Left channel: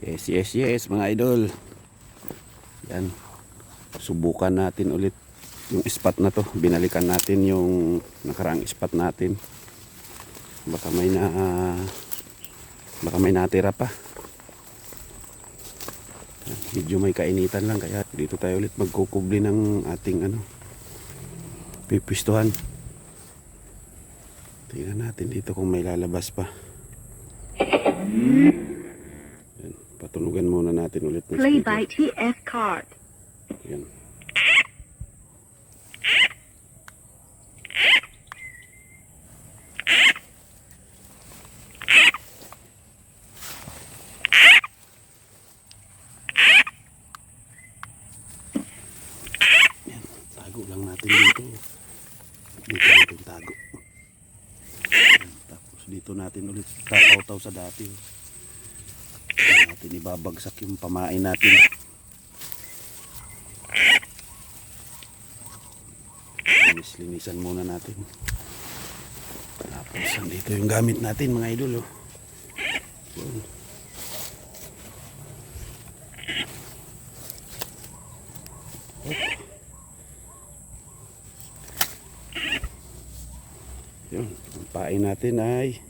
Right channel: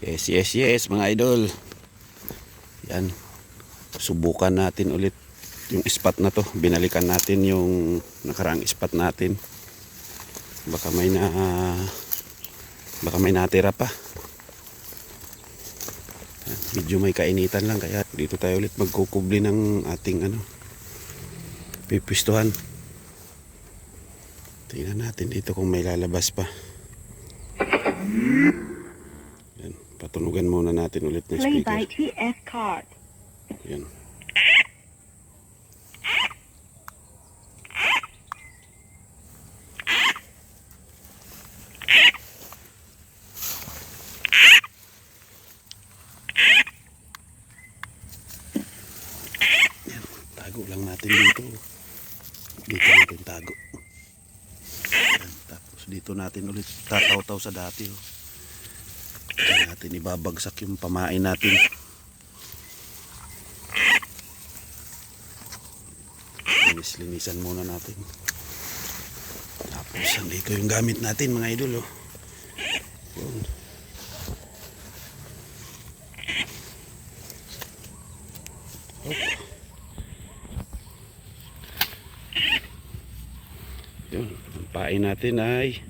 Yes, yes, yes mga idol. Yan. Subukan natin ulit yung spot na to. Binalikan natin yung nakaraang spot natin. Baka may natira pa. Yan. Medyo may kainitan lang kaya dito tayo ulit magkukubli ng ating pipwistuhan. Tingnan natin dito kung may lalabas pa. Yan. Patunugan muna natin ulit ng Play speaker. by TF card. Yan. Yan. Tago lang natin dito. Dito natin tago. Yan. Tapos dito natin ulit tataw-taw sa dati. Oh. Dito natin ibabagsak yung pamain natin. Linisan muna natin. Tapos andito yung gamit natin mga idol. Oh. Yun. Hop. Yun. Ang pain natin ay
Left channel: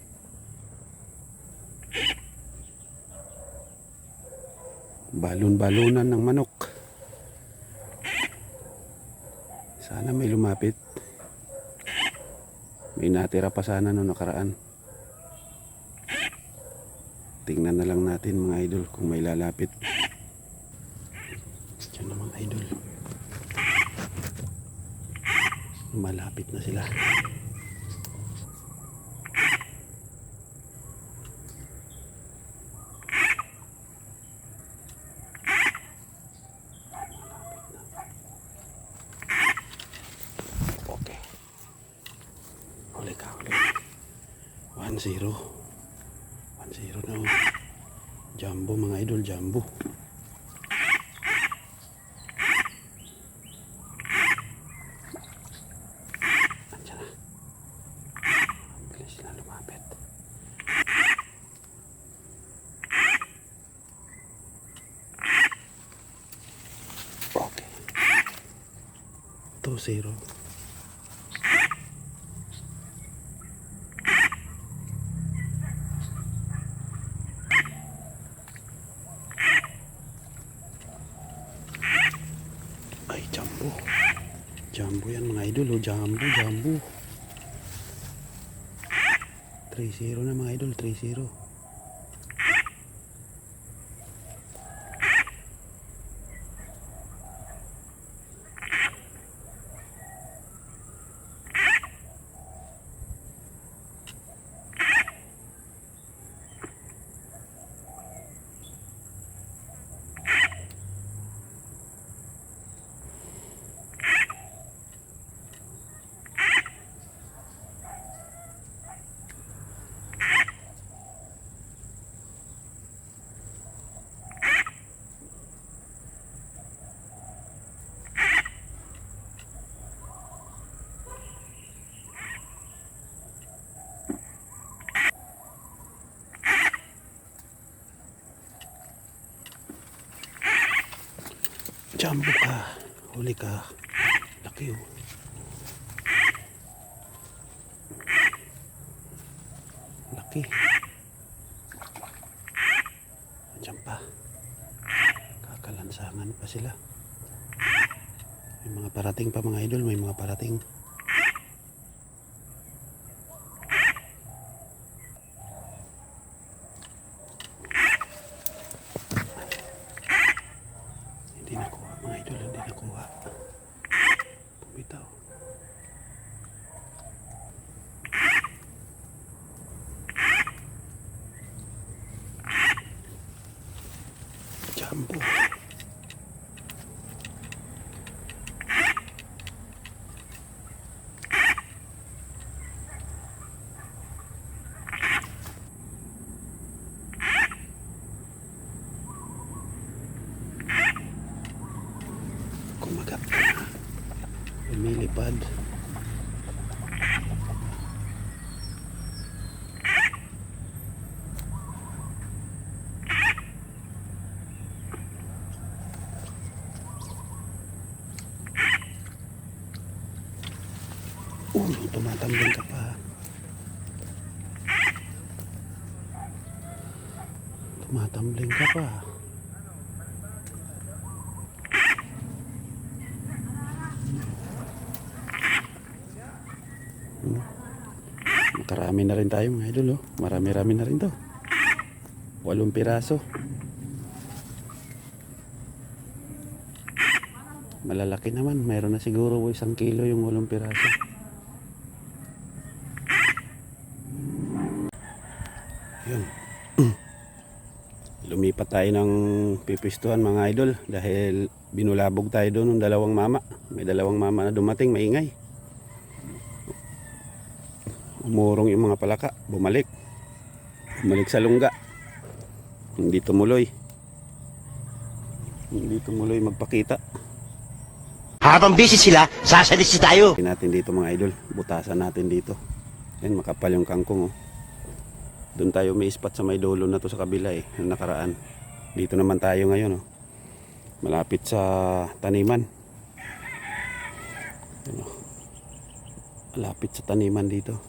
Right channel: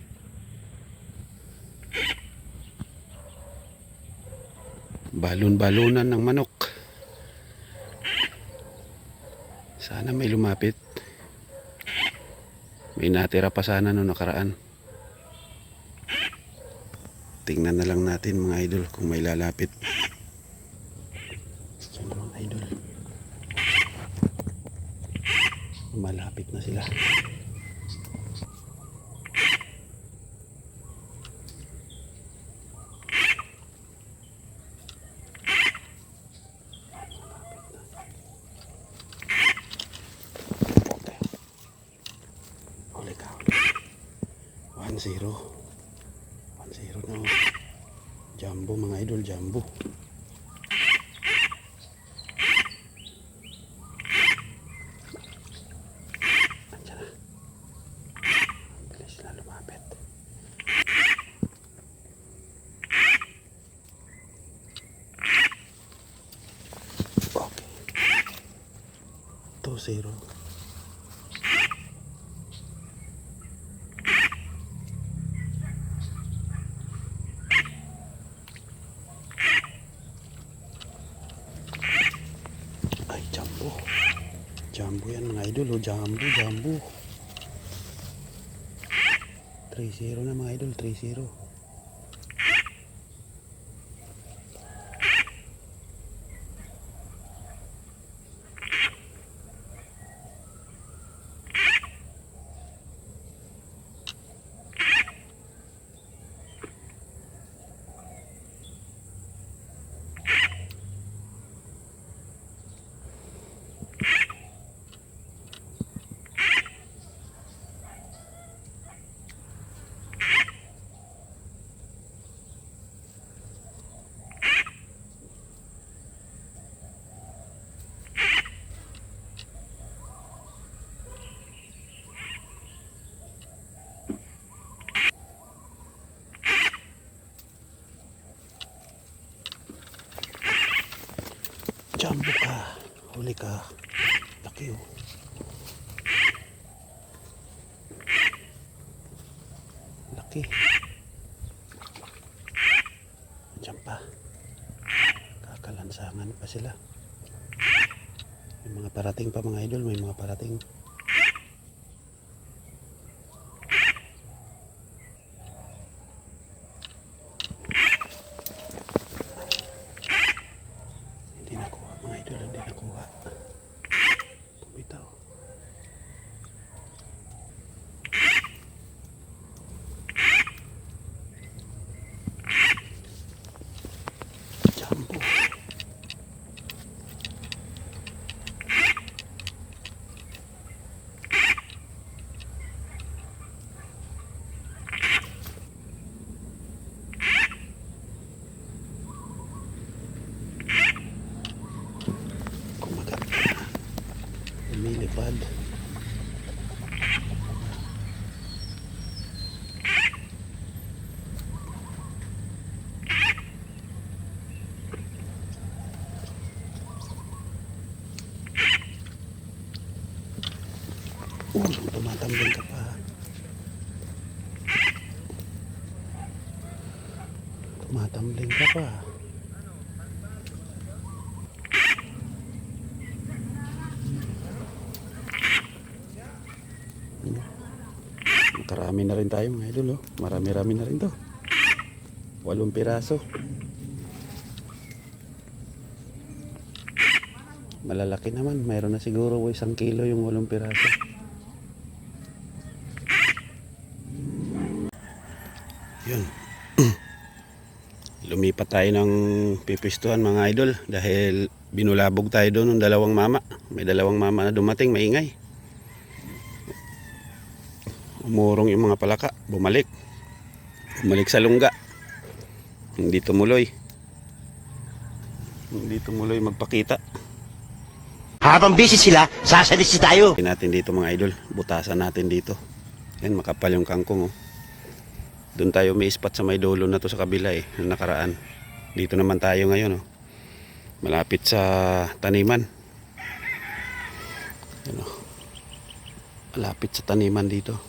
balon-balonan ng manok. Sana may lumapit. May natira pa sana no nakaraan. Tingnan na lang natin mga idol kung may lalapit. Yan mga idol. Malapit na sila. Okay. Huli ka. 1-0. 1-0 na. Jumbo mga idol, jumbo. Andiyan na. Ang bilis na lumapit. Okay. 2-0. Ay, jumbo. Jumbo yan mga idol. Oh, jumbo, jumbo. 3-0 na mga idol. 3-0. Jumbo ka. Huli ka. Laki oh. Laki. Andiyan pa. Kakalansangan pa sila. May mga parating pa mga idol. May mga parating. Hindi nakuha mga idol. Hindi nakuha. Bitaw. Jumbo. Kumagat. Lumilipad. Tumatambling ka pa. Tumatambling ka pa. Makarami na rin tayo mga idol, oh. Marami-rami na rin to. 8 piraso. Malalaki naman. Mayroon na siguro 1 kilo yung 8 piraso. Yun. Lumipat tayo ng pipistuhan mga idol. Dahil binulabog tayo doon ng 2 mama. May 2 mama na dumating, maingay. Umurong yung mga palaka. Bumalik sa lungga. Hindi tumuloy magpakita. Habang busy sila, sasalis tayo. Natin dito mga idol, butasan natin dito. Yan, makapal yung kangkong, oh. Doon tayo may spot sa may dulo na to sa kabila, yung nakaraan. Dito naman tayo ngayon, oh. Malapit sa taniman. Yan, oh. Malapit sa taniman dito.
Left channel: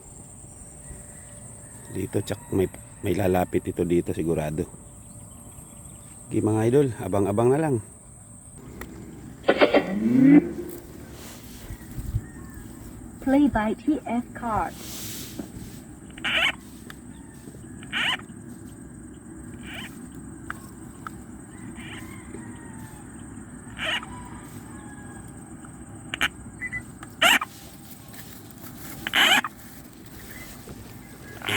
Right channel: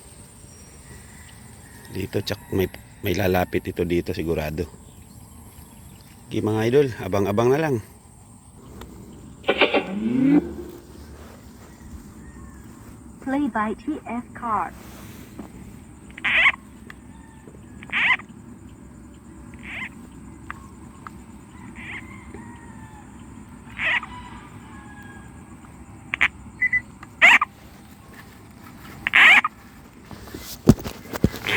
Dito tsak may lalapit ito dito sigurado. Okay mga idol, abang-abang na lang. Play by TF card.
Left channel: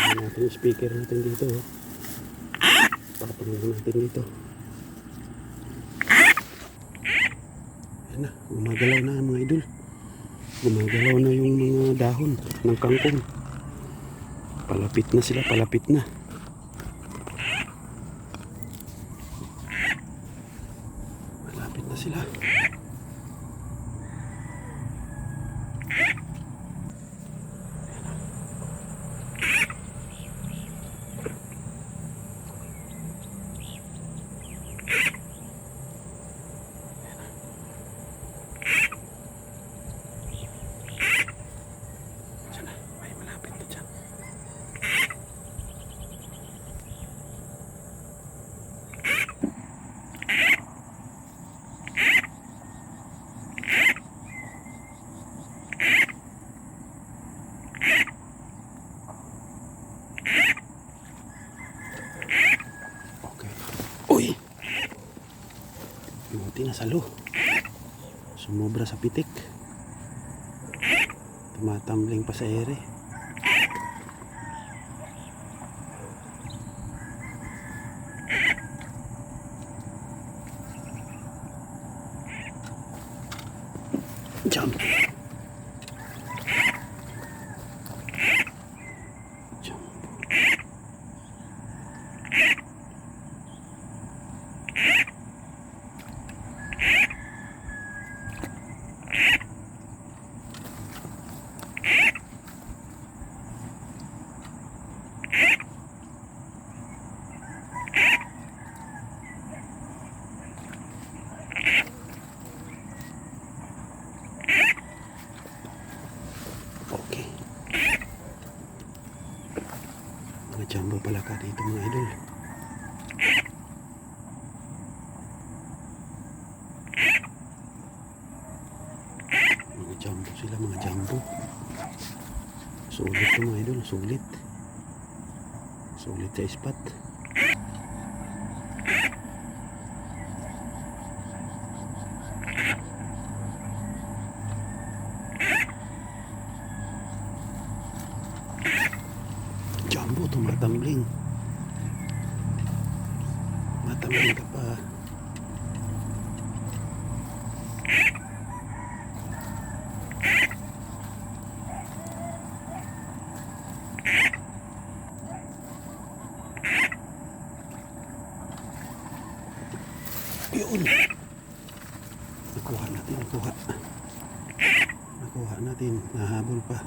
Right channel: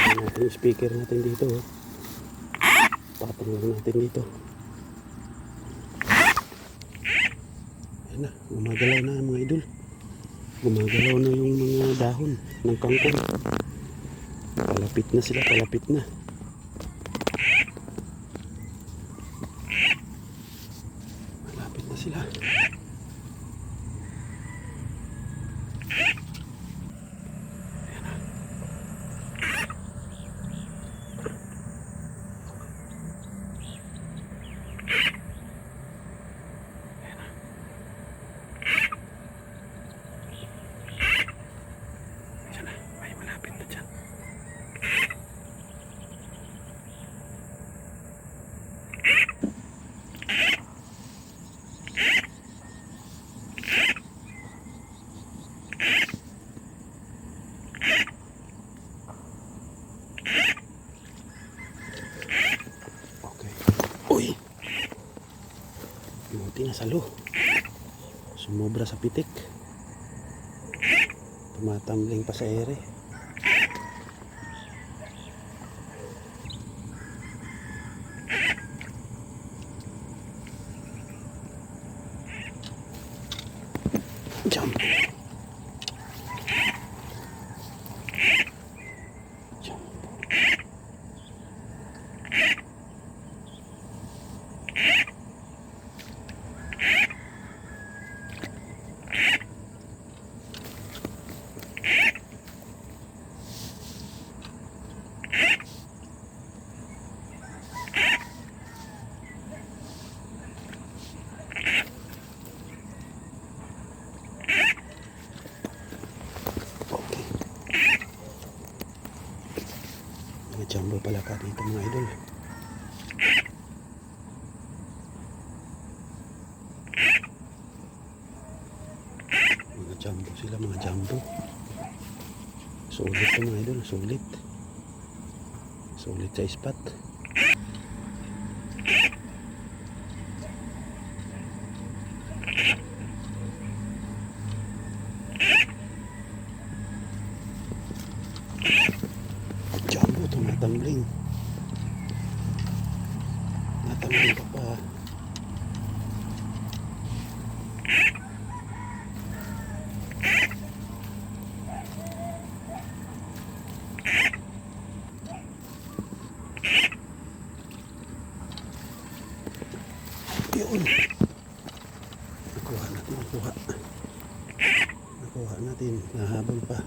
Natin yung speaker natin dito, oh. Patong lang natin dito. Ayan na, gumagalaw na mga idol. Gumagalaw na yung mga dahon ng kangkong. Palapit na sila, palapit na. Malapit na sila. Uy, pimuti na salo. Sumobra sa pitik. Tumatambling pa sa ere. Jump. Mga jumbo pala ka dito mga idol. Mga jumbo sila, mga jumbo. Sulit to mga idol, sulit. Sulit sa spot. Jumbo, tumatambling. Matambling ka pa. Yun. Nakuha natin, nakuha natin, nahabol pa.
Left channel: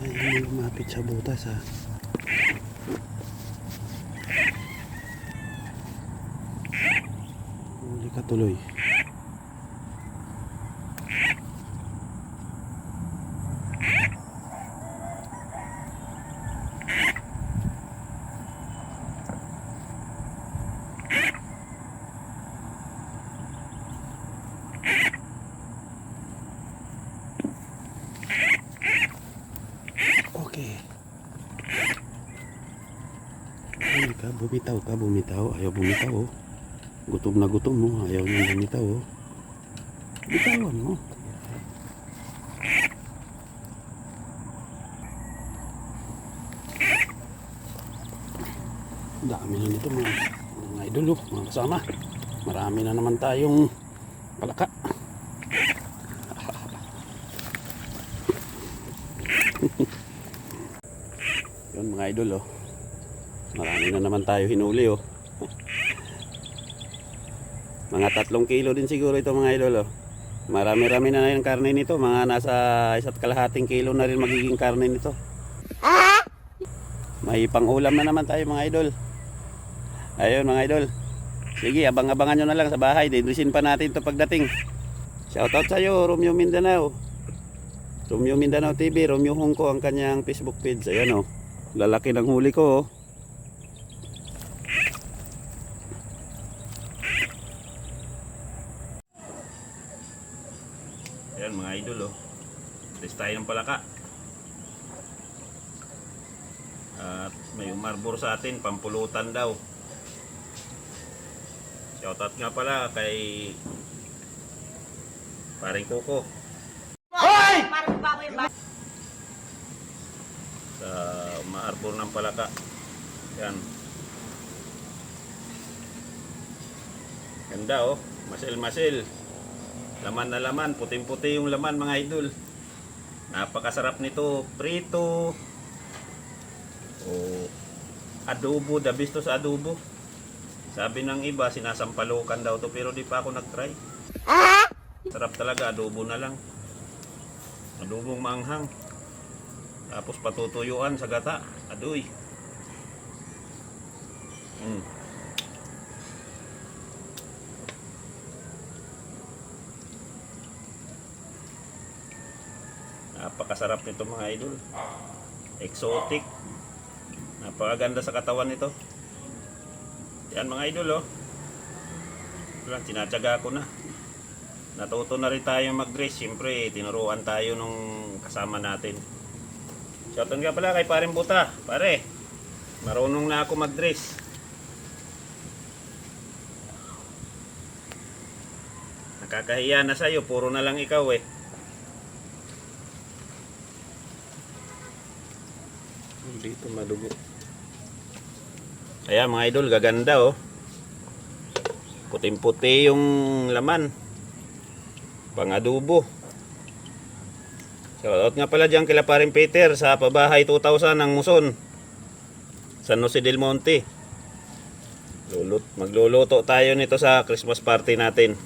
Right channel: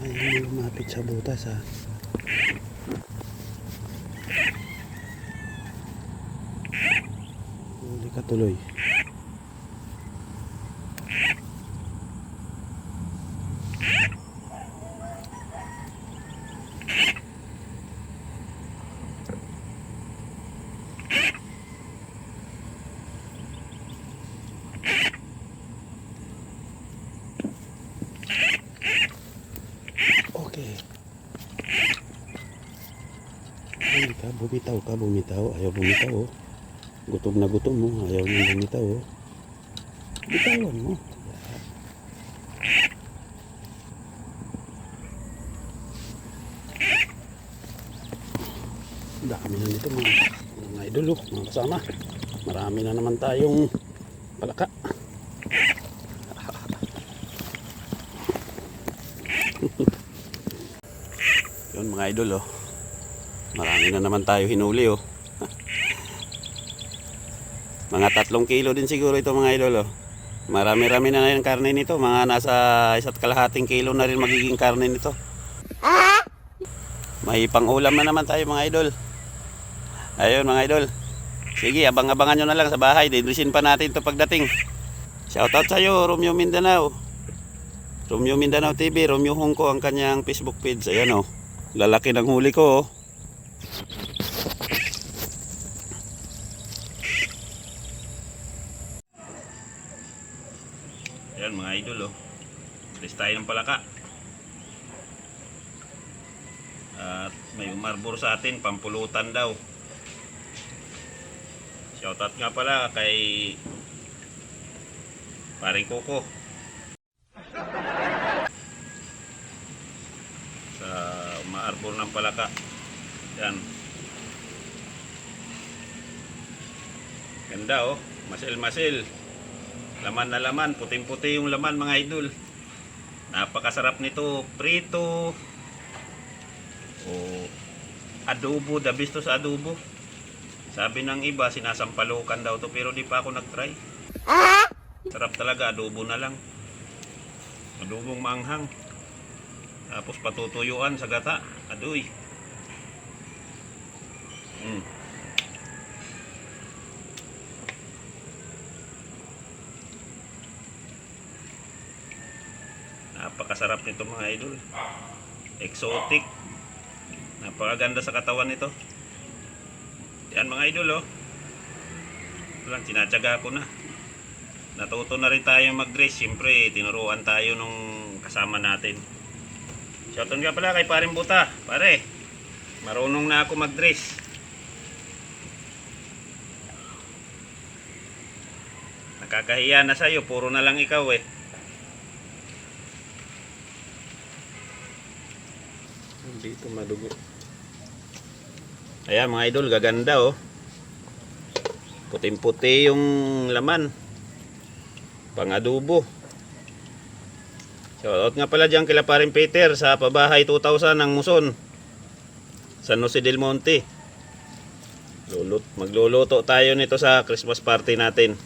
Ayun, lumapit sa butas ha. Huli ka tuloy. Okay. Ayun ka, bumitaw. Ayaw bumitaw oh. Gutom na gutom mo, ayaw nang bumitaw oh. Bitawan mo. Dami na nito mga idol oh, mga kasama. Marami na naman tayong palaka. Yun mga idol oh. Marami na naman tayo hinuli oh. Mga 3 kilo din siguro ito mga idol oh. Marami-rami na yung karne nito. Mga nasa 1.5 kilo na rin magiging karne nito. May pang-ulam na naman tayo mga idol. Ayun mga idol. Sige, abang-abangan nyo na lang sa bahay. Didrisin pa natin ito pagdating. Shoutout sa'yo, Romeo Mindanao. Romeo Mindanao TV, Romeo Hongko ang kanyang Facebook page. Ayan oh. Lalaki ng huli ko oh. Ayan mga idol oh. Alis tayo ng palaka. At may umarbor sa atin, pampulutan daw. Shoutout nga pala kay Paring Coco. Hoy! Sa umaarbor ng palaka. Yan. Ganda oh, masil-masil. Laman na laman, puting-puti yung laman mga idol. Napakasarap nito, prito o adobo, the best to sa adobo. Sabi ng iba, sinasampalukan daw to pero di pa ako nag-try. Sarap talaga, adobo na lang. Adobong maanghang. Tapos patutuyuan sa gata. Adoy. Napakasarap nito mga idol. Exotic. Napakaganda sa katawan nito. Yan mga idol oh. Ito lang, tinatsaga ko na. Natuto na rin tayo mag-dress. Siyempre, tinuruan tayo nung kasama natin. Shoutout nga pala kay Paring Buta. Pare, marunong na ako mag-dress. Nakakahiya na sa'yo. Puro na lang ikaw eh. Dito madugo. Ayan mga idol, gaganda oh. Puting-puti yung laman. Pang adobo. Shoutout nga pala dyan kila Paring Peter sa Pabahay 2000 ng Muson, San Jose del Monte. Magluluto tayo nito sa Christmas party natin.